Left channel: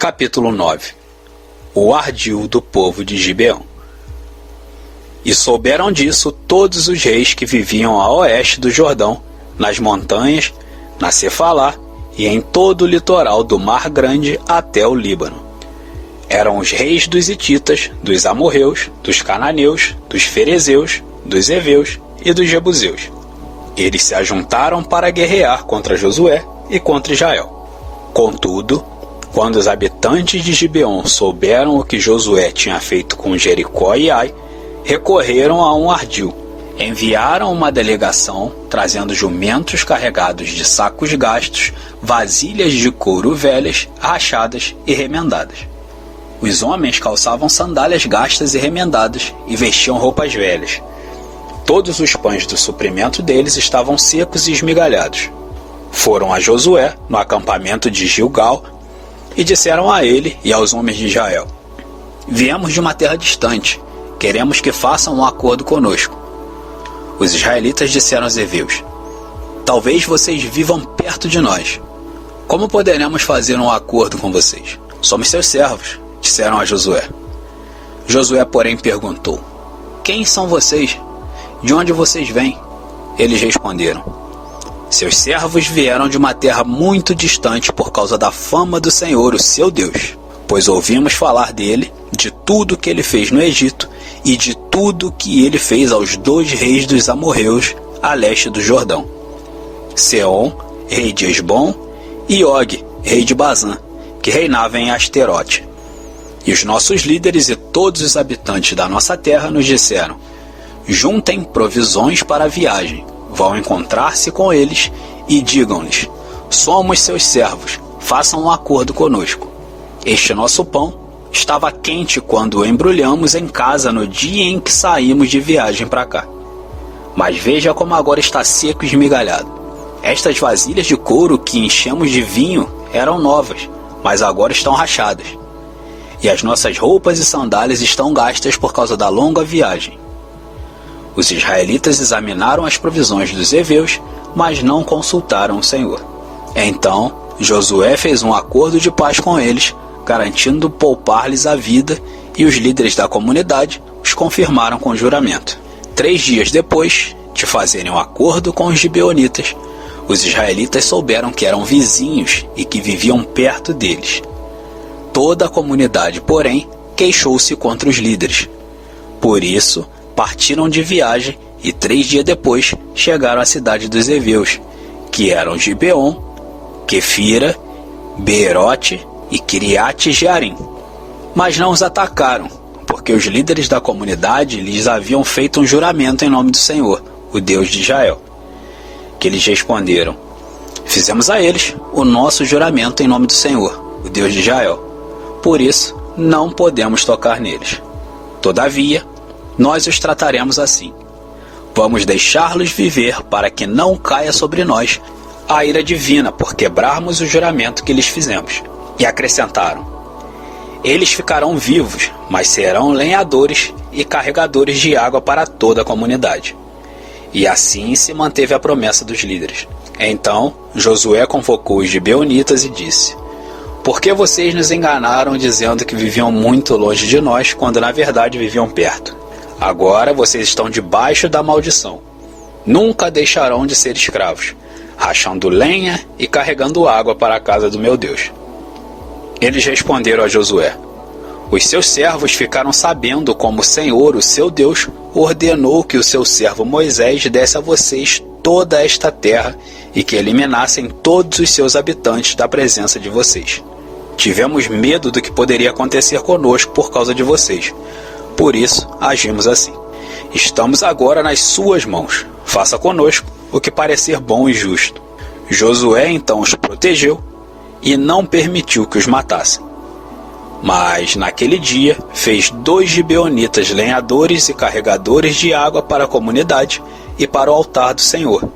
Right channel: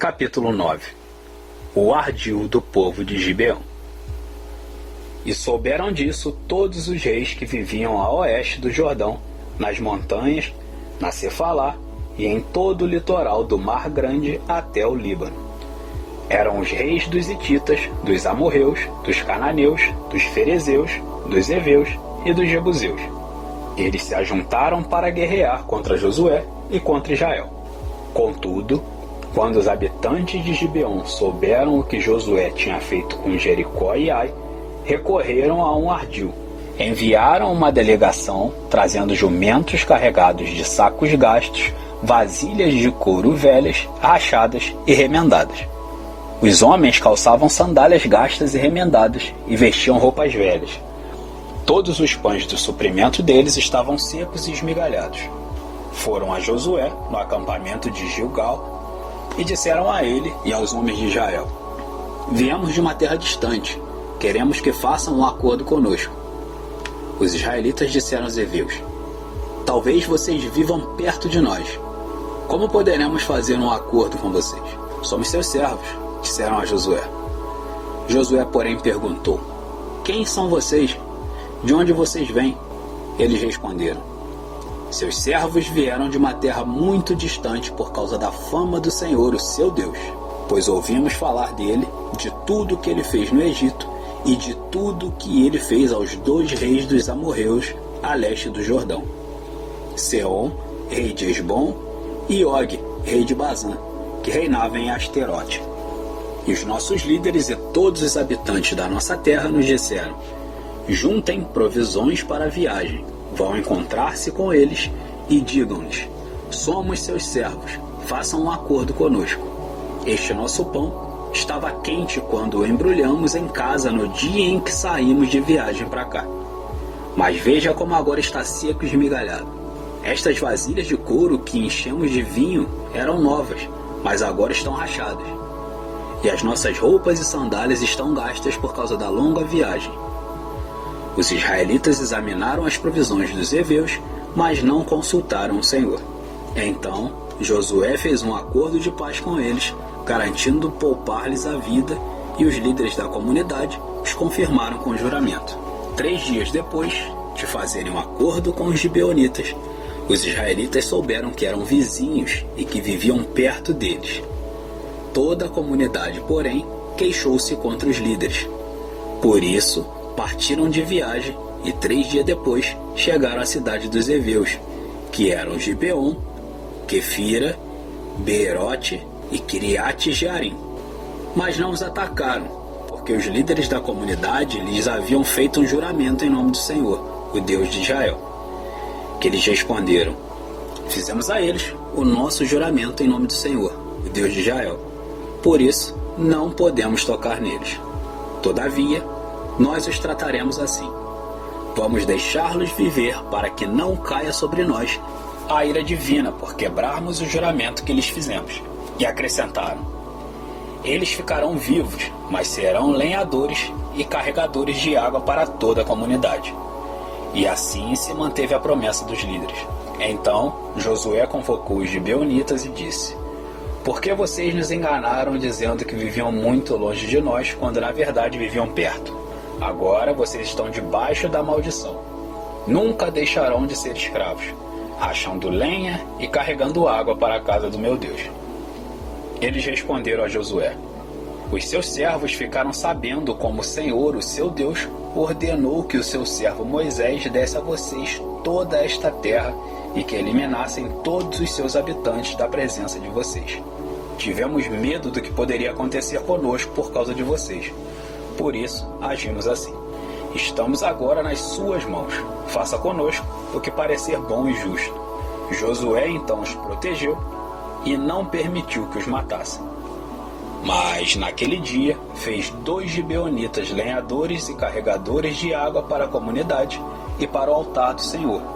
Capítulo 9. O ardil do povo de Gibeão. E souberam disso todos os reis que viviam a oeste do Jordão, nas montanhas, na Cefalá e em todo o litoral do Mar Grande até o Líbano. Eram os reis dos hititas, dos amorreus, dos cananeus, dos ferezeus, dos heveus e dos jebuseus. Eles se ajuntaram para guerrear contra Josué e contra Israel. Contudo, quando os habitantes de Gibeão souberam o que Josué tinha feito com Jericó e Ai, recorreram a um ardil. Enviaram uma delegação, trazendo jumentos carregados de sacos gastos, vasilhas de couro velhas, rachadas e remendadas. Os homens calçavam sandálias gastas e remendadas e vestiam roupas velhas. Todos os pães do suprimento deles estavam secos e esmigalhados. Foram a Josué, no acampamento de Gilgal, e disseram a ele e aos homens de Israel: Viemos de uma terra distante, queremos que façam um acordo conosco. Os israelitas disseram aos heveus: Talvez vocês vivam perto de nós. Como poderemos fazer um acordo com vocês? Somos seus servos, disseram a Josué. Josué, porém, perguntou: Quem são vocês? De onde vocês vêm? Eles responderam: Seus servos vieram de uma terra muito distante por causa da fama do Senhor, o seu Deus, pois ouvimos falar dele, de tudo que ele fez no Egito e de tudo que ele fez aos 2 reis dos amorreus a leste do Jordão, Seom, rei de Esbom, e Og, rei de Bazã, que reinava em Asterote. E os nossos líderes e todos os habitantes da nossa terra nos disseram: Juntem provisões para a viagem, vão encontrar-se com eles e digam-lhes: Somos seus servos, façam um acordo conosco. Este nosso pão estava quente quando o embrulhamos em casa no dia em que saímos de viagem para cá. Mas veja como agora está seco e esmigalhado. Estas vasilhas de couro que enchemos de vinho eram novas, mas agora estão rachadas. E as nossas roupas e sandálias estão gastas por causa da longa viagem. Os israelitas examinaram as provisões dos heveus, mas não consultaram o Senhor. Então Josué fez um acordo de paz com eles, garantindo poupar-lhes a vida, e os líderes da comunidade os confirmaram com juramento. 3 dias depois de fazerem um acordo com os gibeonitas, os israelitas souberam que eram vizinhos e que viviam perto deles. Toda a comunidade, porém, queixou-se contra os líderes. Por isso, partiram de viagem e 3 dias depois chegaram à cidade dos heveus, que eram Gibeon, Quefira, Beerote e Kiriate Jearim. Mas não os atacaram, porque os líderes da comunidade lhes haviam feito um juramento em nome do Senhor, o Deus de Israel. Que eles responderam: Fizemos a eles o nosso juramento em nome do Senhor, o Deus de Israel. Por isso, não podemos tocar neles. Todavia, nós os trataremos assim. Vamos deixá-los viver para que não caia sobre nós a ira divina por quebrarmos o juramento que lhes fizemos. E acrescentaram: Eles ficarão vivos, mas serão lenhadores e carregadores de água para toda a comunidade. E assim se manteve a promessa dos líderes. Então Josué convocou os gibeonitas e disse: Por que vocês nos enganaram dizendo que viviam muito longe de nós, quando na verdade viviam perto? Agora vocês estão debaixo da maldição. Nunca deixarão de ser escravos, rachando lenha e carregando água para a casa do meu Deus. Eles responderam a Josué: Os seus servos ficaram sabendo como o Senhor, o seu Deus, ordenou que o seu servo Moisés desse a vocês toda esta terra e que eliminassem todos os seus habitantes da presença de vocês. Tivemos medo do que poderia acontecer conosco por causa de vocês. Por isso, agimos assim. Estamos agora nas suas mãos. Faça conosco o que parecer bom e justo. Josué então os protegeu e não permitiu que os matassem. Mas naquele dia fez 2 gibeonitas lenhadores e carregadores de água para a comunidade e para o altar do Senhor,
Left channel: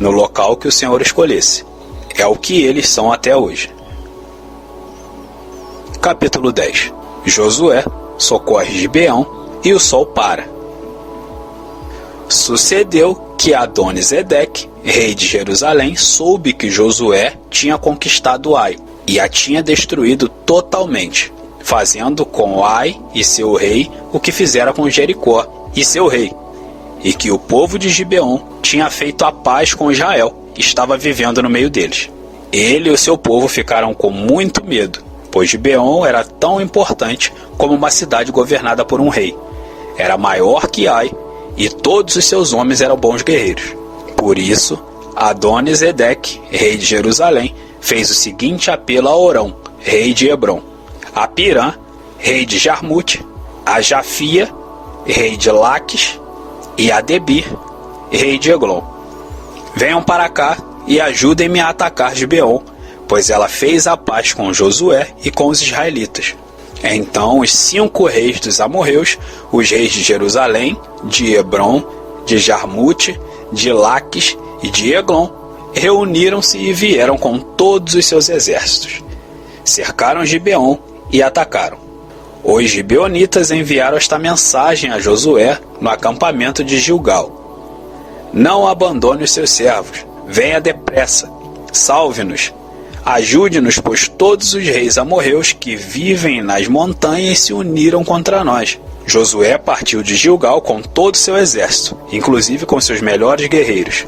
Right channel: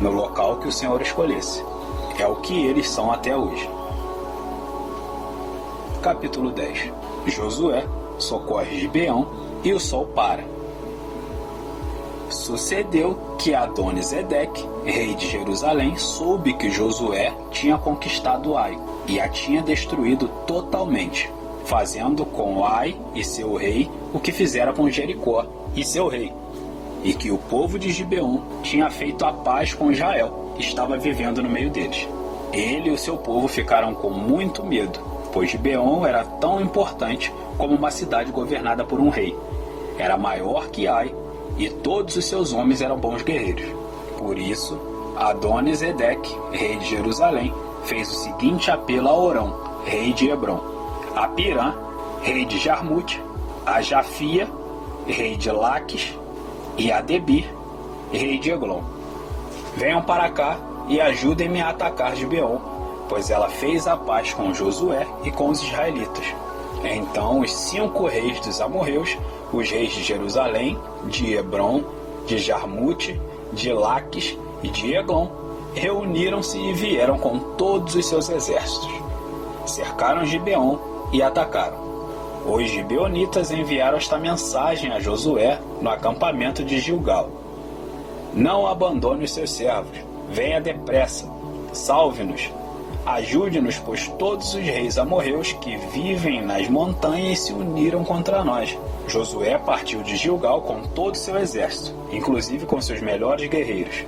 no local que o Senhor escolhesse. É o que eles são até hoje. Capítulo 10. Josué socorre Gibeão e o sol para. Sucedeu que Adoni-Zedeque, rei de Jerusalém, soube que Josué tinha conquistado Ai, e a tinha destruído totalmente, fazendo com Ai e seu rei o que fizera com Jericó e seu rei, e que o povo de Gibeon tinha feito a paz com Israel, que estava vivendo no meio deles. Ele e o seu povo ficaram com muito medo, pois Gibeon era tão importante como uma cidade governada por um rei. Era maior que Ai, e todos os seus homens eram bons guerreiros. Por isso, Adoni-Zedeque, rei de Jerusalém, fez o seguinte apelo a Orão, rei de Hebrom, a Pirã, rei de Jarmute, a Jafia, rei de Laques, e a Debir, rei de Eglon. Venham para cá e ajudem-me a atacar Gibeon, pois ela fez a paz com Josué e com os israelitas. Então os 5 reis dos amorreus, os reis de Jerusalém, de Hebrom, de Jarmute, de Laques e de Eglon, reuniram-se e vieram com todos os seus exércitos. Cercaram Gibeon e atacaram. Os gibeonitas enviaram esta mensagem a Josué no acampamento de Gilgal: Não abandone os seus servos, venha depressa, salve-nos, ajude-nos, pois todos os reis amorreus que vivem nas montanhas se uniram contra nós. Josué partiu de Gilgal com todo o seu exército, inclusive com seus melhores guerreiros.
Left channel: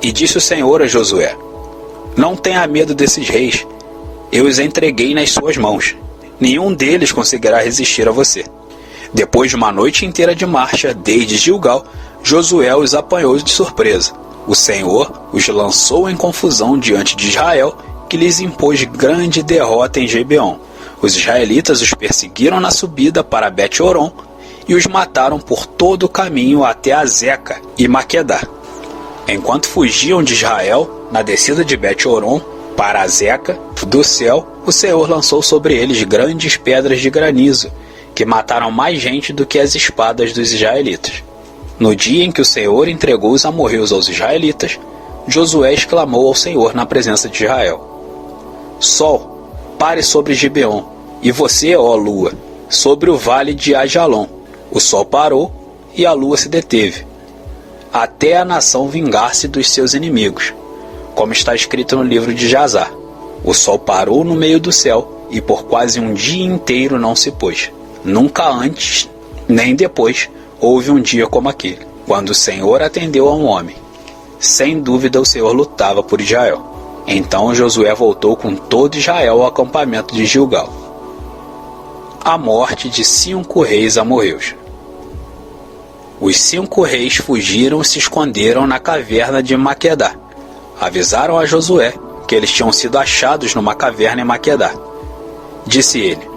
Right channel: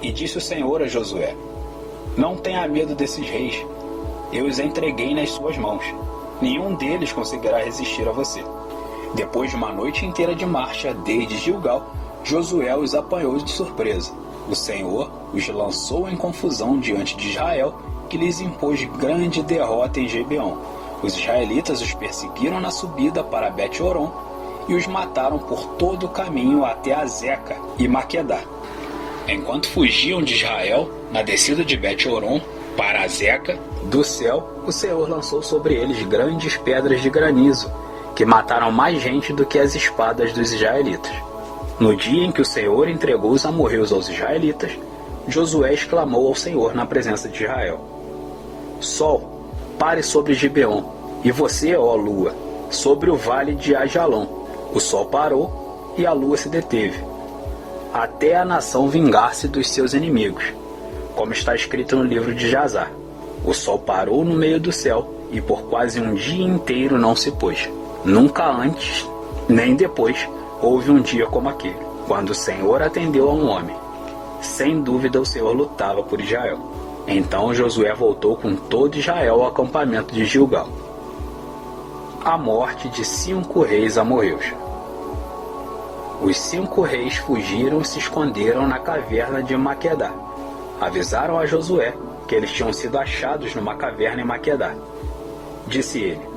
E disse o Senhor a Josué: Não tenha medo desses reis, eu os entreguei nas suas mãos. Nenhum deles conseguirá resistir a você. Depois de uma noite inteira de marcha, desde Gilgal, Josué os apanhou de surpresa. O Senhor os lançou em confusão diante de Israel, que lhes impôs grande derrota em Gibeon. Os israelitas os perseguiram na subida para Bet-Horon e os mataram por todo o caminho até Azeca e Maquedá. Enquanto fugiam de Israel, na descida de Bet-Horon para Azeca, do céu, o Senhor lançou sobre eles grandes pedras de granizo, que mataram mais gente do que as espadas dos israelitas. No dia em que o Senhor entregou os amorreus aos israelitas, Josué exclamou ao Senhor na presença de Israel: Sol, pare sobre Gibeon, e você, ó lua, sobre o vale de Ajalon. O sol parou e a lua se deteve, até a nação vingar-se dos seus inimigos, como está escrito no livro de Jazar. O sol parou no meio do céu e por quase um dia inteiro não se pôs. Nunca antes, nem depois, houve um dia como aquele, quando o Senhor atendeu a um homem. Sem dúvida o Senhor lutava por Israel. Então Josué voltou com todo Israel ao acampamento de Gilgal. A morte de 5 reis amorreus. Os 5 reis fugiram e se esconderam na caverna de Maquedá. Avisaram a Josué que eles tinham sido achados numa caverna em Maquedá. Disse ele:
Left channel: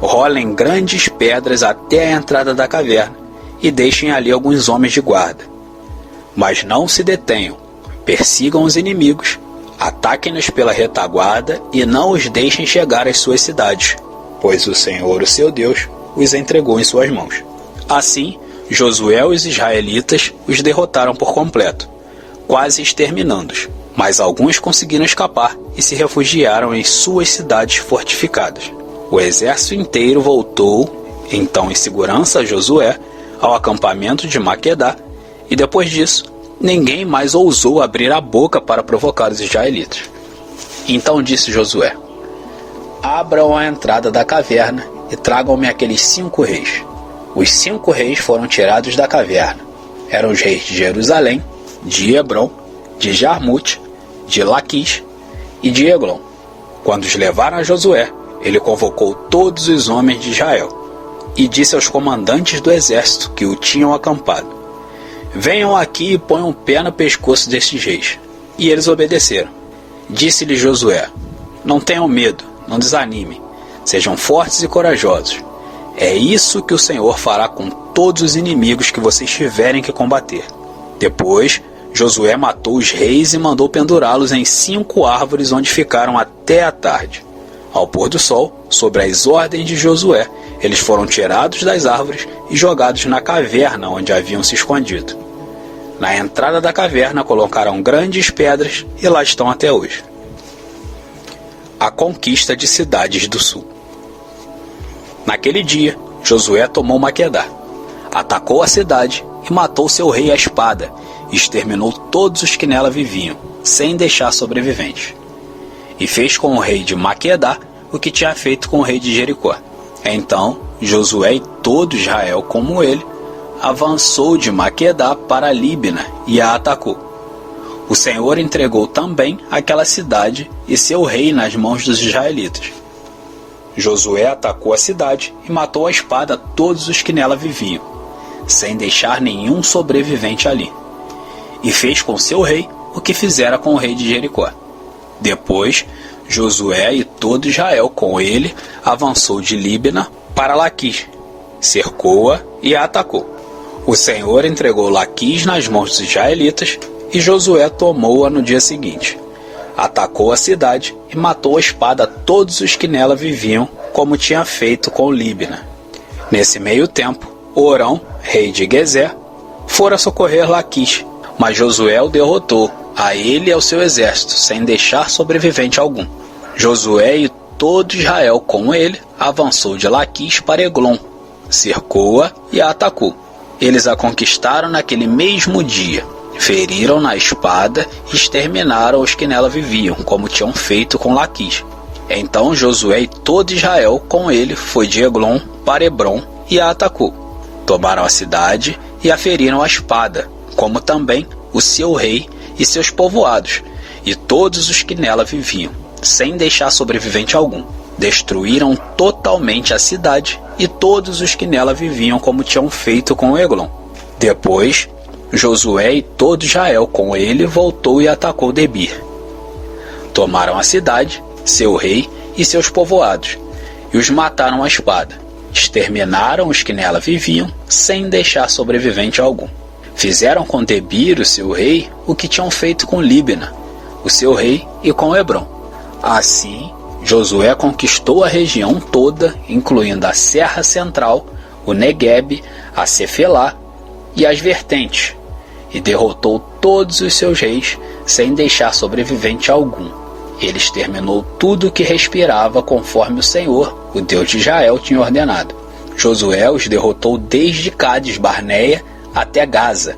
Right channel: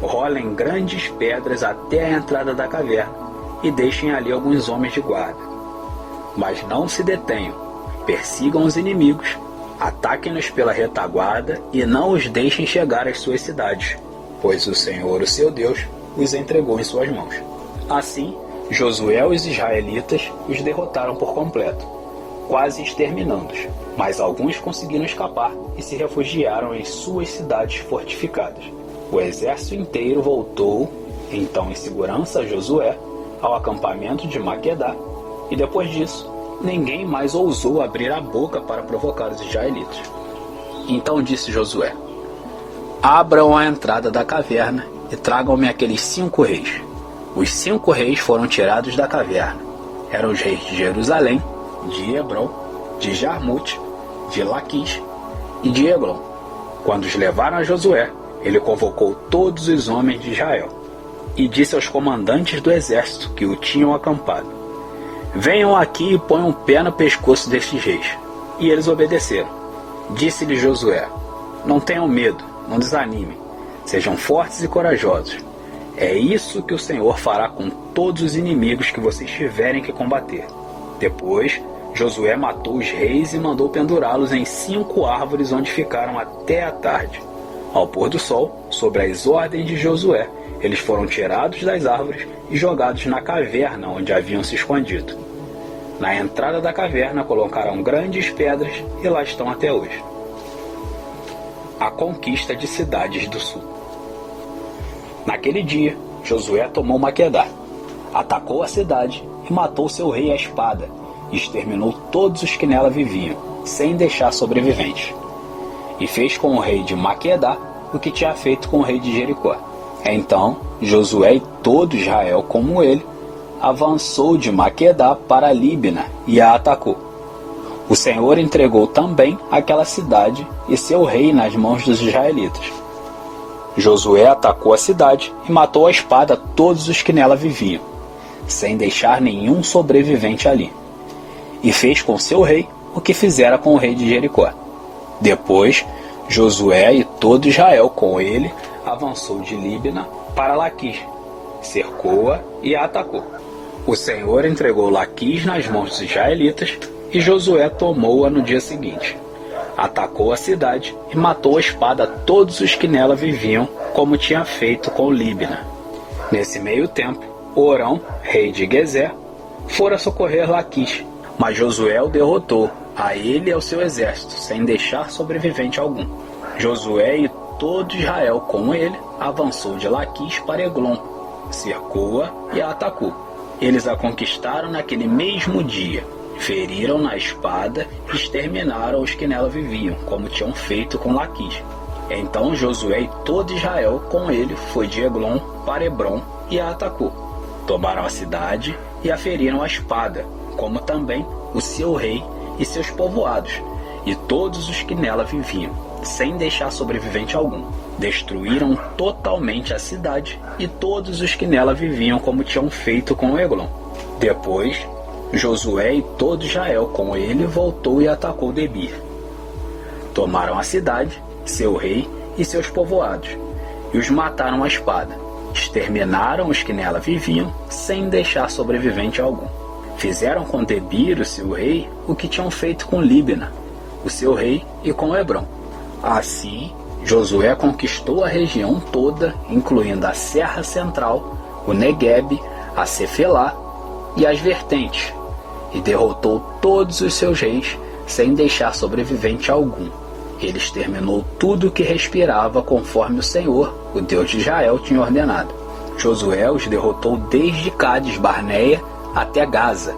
Rolem grandes pedras até a entrada da caverna e deixem ali alguns homens de guarda. Mas não se detenham, persigam os inimigos, ataquem-nos pela retaguarda e não os deixem chegar às suas cidades, pois o Senhor, o seu Deus, os entregou em suas mãos. Assim, Josué e os israelitas os derrotaram por completo, quase exterminando-os, mas alguns conseguiram escapar e se refugiaram em suas cidades fortificadas. O exército inteiro voltou, então em segurança a Josué, ao acampamento de Maquedá, e depois disso, ninguém mais ousou abrir a boca para provocar os israelitas. Então disse Josué: Abram a entrada da caverna e tragam-me aqueles 5 reis. Os 5 reis foram tirados da caverna. Eram os reis de Jerusalém, de Hebrom, de Jarmute, de Laquis e de Eglon. Quando os levaram a Josué, ele convocou todos os homens de Israel e disse aos comandantes do exército que o tinham acampado: Venham aqui e ponham um pé no pescoço destes reis. E eles obedeceram. Disse-lhe Josué: Não tenham medo, não desanimem, sejam fortes e corajosos. É isso que o Senhor fará com todos os inimigos que vocês tiverem que combater. Depois, Josué matou os reis e mandou pendurá-los em 5 árvores onde ficaram até a tarde. Ao pôr do sol, sobre as ordens de Josué, eles foram tirados das árvores e jogados na caverna onde haviam se escondido. Na entrada da caverna colocaram grandes pedras e lá estão até hoje. A conquista de cidades do sul. Naquele dia, Josué tomou Maquedá, atacou a cidade e matou seu rei à espada, e exterminou todos os que nela viviam, sem deixar sobreviventes. e fez com o rei de Maquedá o que tinha feito com o rei de Jericó. Então Josué e todo Israel como ele avançou de Maquedá para Líbina e a atacou. O Senhor entregou também aquela cidade e seu rei nas mãos dos israelitas. Josué atacou a cidade e matou à espada todos os que nela viviam, sem deixar nenhum sobrevivente ali. E fez com seu rei o que fizera com o rei de Jericó. Depois, Josué e todo Israel com ele avançou de Líbina para Laquis, cercou-a e a atacou. O Senhor entregou Laquis nas mãos dos israelitas e Josué tomou-a no dia seguinte. Atacou a cidade e matou à espada todos os que nela viviam, como tinha feito com Líbina. Nesse meio tempo, Orão, rei de Gezer, fora socorrer Laquis, mas Josué o derrotou, a ele e ao seu exército, sem deixar sobrevivente algum. Josué e todo Israel com ele avançou de Laquis para Eglon, cercou-a e a atacou. Eles a conquistaram naquele mesmo dia, feriram na espada e exterminaram os que nela viviam, como tinham feito com Laquis. Então Josué e todo Israel com ele foi de Eglon para Hebrom e a atacou. Tomaram a cidade e a feriram à espada, como também o seu rei e seus povoados, e todos os que nela viviam, sem deixar sobrevivente algum. Destruíram totalmente a cidade e todos os que nela viviam, como tinham feito com Eglon. Depois, Josué e todo Israel com ele voltou e atacou Debir. Tomaram a cidade, seu rei e seus povoados, e os mataram à espada. Exterminaram os que nela viviam, sem deixar sobrevivente algum. Fizeram com Debir, o seu rei, o que tinham feito com Líbina, o seu rei, e com Hebrom. Assim, Josué conquistou a região toda, incluindo a Serra Central, o Neguebe, a Cefelá e as vertentes, e derrotou todos os seus reis, sem deixar sobrevivente algum. Ele exterminou tudo que respirava, conforme o Senhor, o Deus de Israel, tinha ordenado. Josué os derrotou desde Cádiz Barneia até Gaza,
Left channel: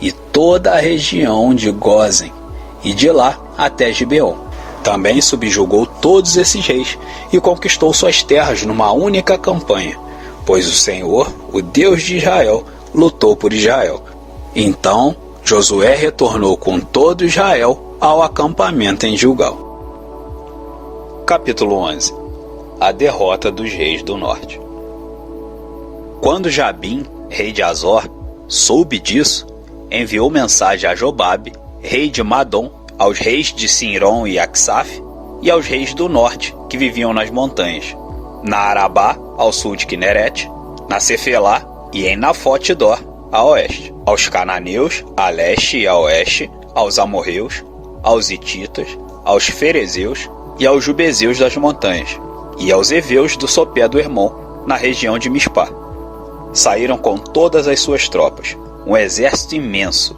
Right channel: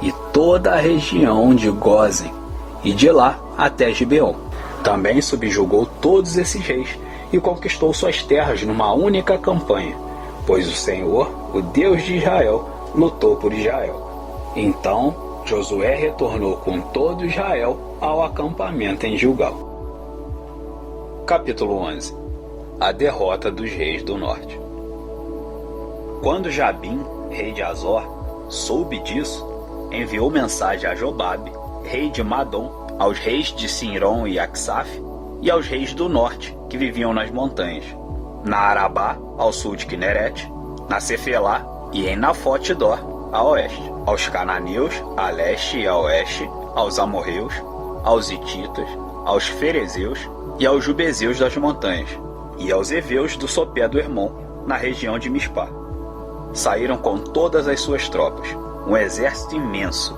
e toda a região de Gósen, e de lá até Gibeon. Também subjugou todos esses reis e conquistou suas terras numa única campanha, pois o Senhor, o Deus de Israel, lutou por Israel. Então Josué retornou com todo Israel ao acampamento em Gilgal. Capítulo 11. A derrota dos reis do norte. Quando Jabim, rei de Azor, soube disso, enviou mensagem a Jobabe, rei de Madom, aos reis de Sinrom e Aksaf, e aos reis do norte, que viviam nas montanhas, na Arabá, ao sul de Quinerete, na Cefelá e em Nafote-dor, a oeste, aos cananeus, a leste e a oeste, aos amorreus, aos hititas, aos ferezeus e aos jubezeus das montanhas, e aos heveus do sopé do Hermon, na região de Mispá. Saíram com todas as suas tropas, um exército imenso,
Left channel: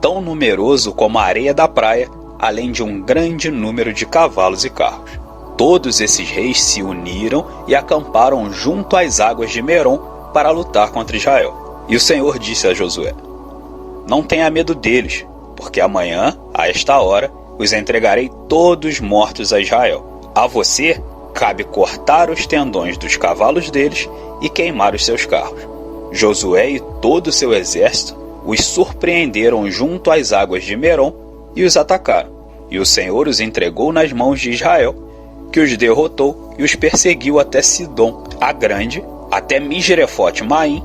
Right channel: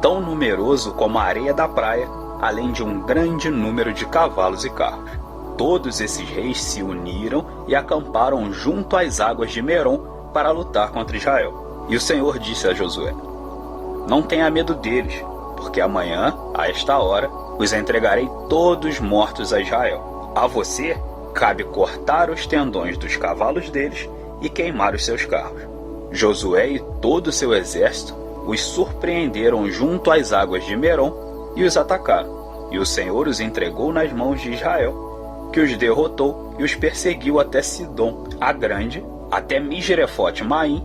tão numeroso como a areia da praia, além de um grande número de cavalos e carros. Todos esses reis se uniram e acamparam junto às águas de Merom para lutar contra Israel. E o Senhor disse a Josué: não tenha medo deles, porque amanhã, a esta hora, os entregarei todos mortos a Israel. A você cabe cortar os tendões dos cavalos deles e queimar os seus carros. Josué e todo o seu exército os surpreenderam junto às águas de Merom e os atacaram. E o Senhor os entregou nas mãos de Israel, que os derrotou e os perseguiu até Sidom, a grande, até Misrefote-Maim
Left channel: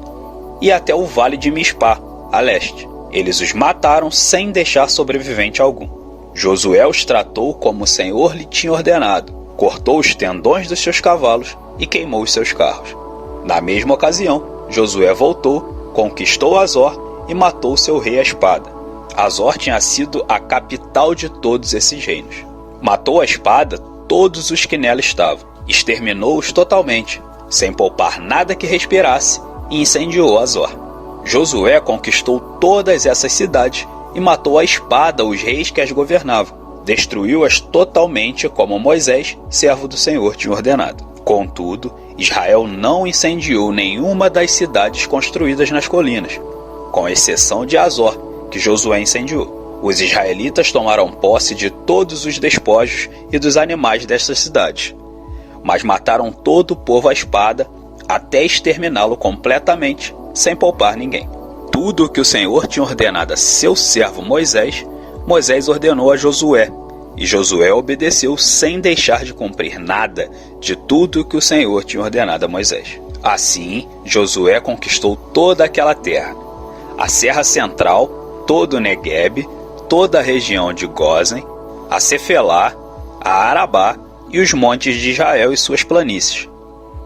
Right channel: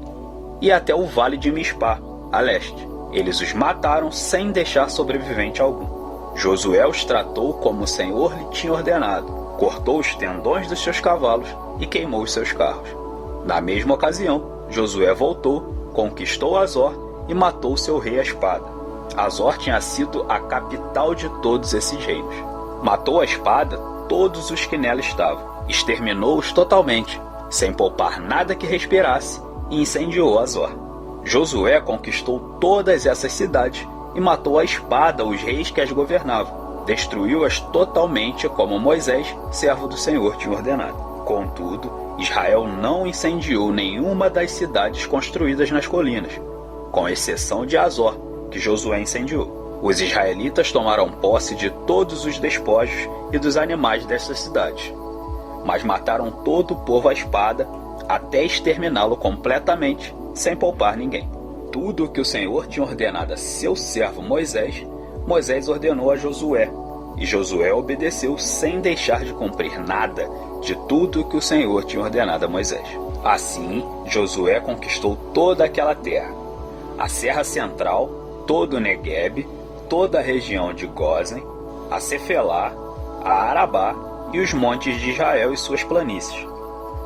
e até o vale de Mispá, a leste. Eles os mataram sem deixar sobrevivente algum. Josué os tratou como o Senhor lhe tinha ordenado, cortou os tendões dos seus cavalos e queimou os seus carros. Na mesma ocasião, Josué voltou, conquistou Azor e matou seu rei à espada. Azor tinha sido a capital de todos esses reinos. Matou à espada todos os que nela estavam, exterminou-os totalmente, sem poupar nada que respirasse, e incendiou Azor. Josué conquistou todas essas cidades e matou à espada os reis que as governavam. Destruiu-as totalmente, como Moisés, servo do Senhor, tinha ordenado. Contudo, Israel não incendiou nenhuma das cidades construídas nas colinas, com exceção de Azor, que Josué incendiou. Os israelitas tomaram posse de todos os despojos e dos animais destas cidades, mas mataram todo o povo à espada até exterminá-lo completamente, sem poupar ninguém. Tudo o que o Senhor tinha ordenado a seu servo Moisés, Moisés ordenou a Josué, e Josué obedeceu sem deixar de cumprir nada de tudo o que o Senhor tinha ordenado a Moisés. Assim, Josué conquistou toda aquela terra, a Serra Central, todo o Neguebe, toda a região de Gósen, a Cefelá, a Arabá e os montes de Israel e suas planícies,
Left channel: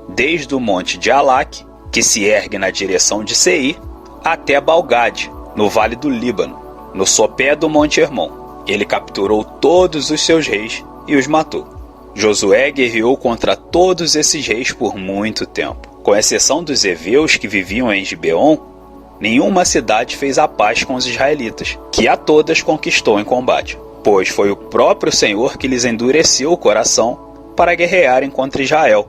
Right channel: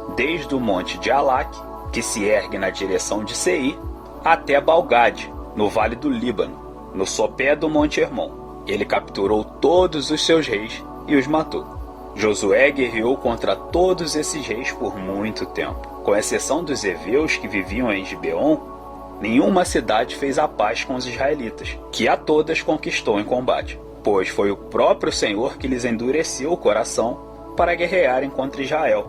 desde o monte de Alaque, que se ergue na direção de Seir, até Balgade, no vale do Líbano, no sopé do Monte Hermon. Ele capturou todos os seus reis e os matou. Josué guerreou contra todos esses reis por muito tempo. Com exceção dos heveus que viviam em Gibeon, nenhuma cidade fez a paz com os israelitas, que a todas conquistou em combate, pois foi o próprio Senhor que lhes endureceu o coração para guerrearem contra Israel,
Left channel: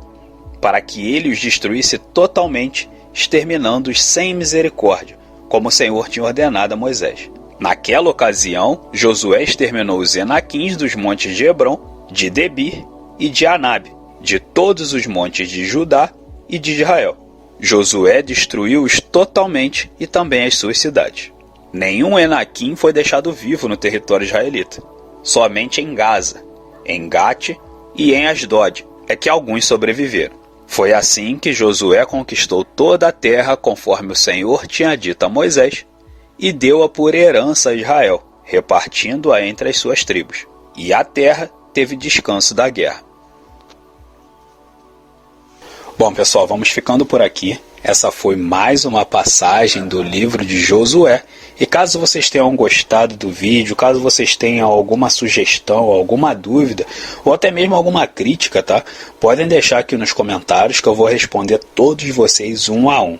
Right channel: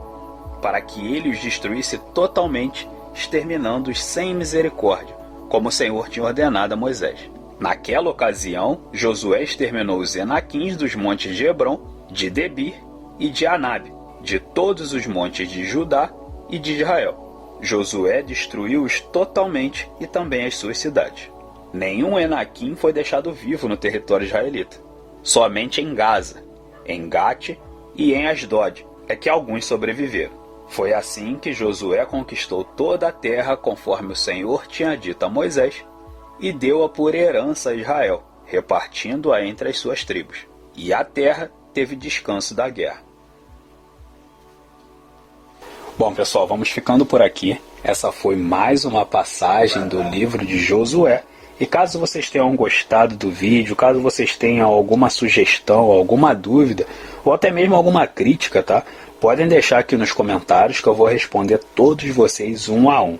para que ele os destruísse totalmente, exterminando-os sem misericórdia, como o Senhor tinha ordenado a Moisés. Naquela ocasião, Josué exterminou os Enaquins dos montes de Hebron, de Debir e de Anabe, de todos os montes de Judá e de Israel. Josué destruiu-os totalmente e também as suas cidades. Nenhum Enaquim foi deixado vivo no território israelita. Somente em Gaza, em Gate e em Asdod é que alguns sobreviveram. Foi assim que Josué conquistou toda a terra conforme o Senhor tinha dito a Moisés e deu-a por herança a Israel, repartindo-a entre as suas tribos. E a terra teve descanso da guerra. Bom, pessoal, vamos ficando por aqui. Essa foi mais uma passagem do livro de Josué. E caso vocês tenham gostado do vídeo, caso vocês tenham alguma sugestão, alguma dúvida, ou até mesmo alguma crítica, tá? Podem deixar aqui nos comentários que eu vou responder todos vocês um a um.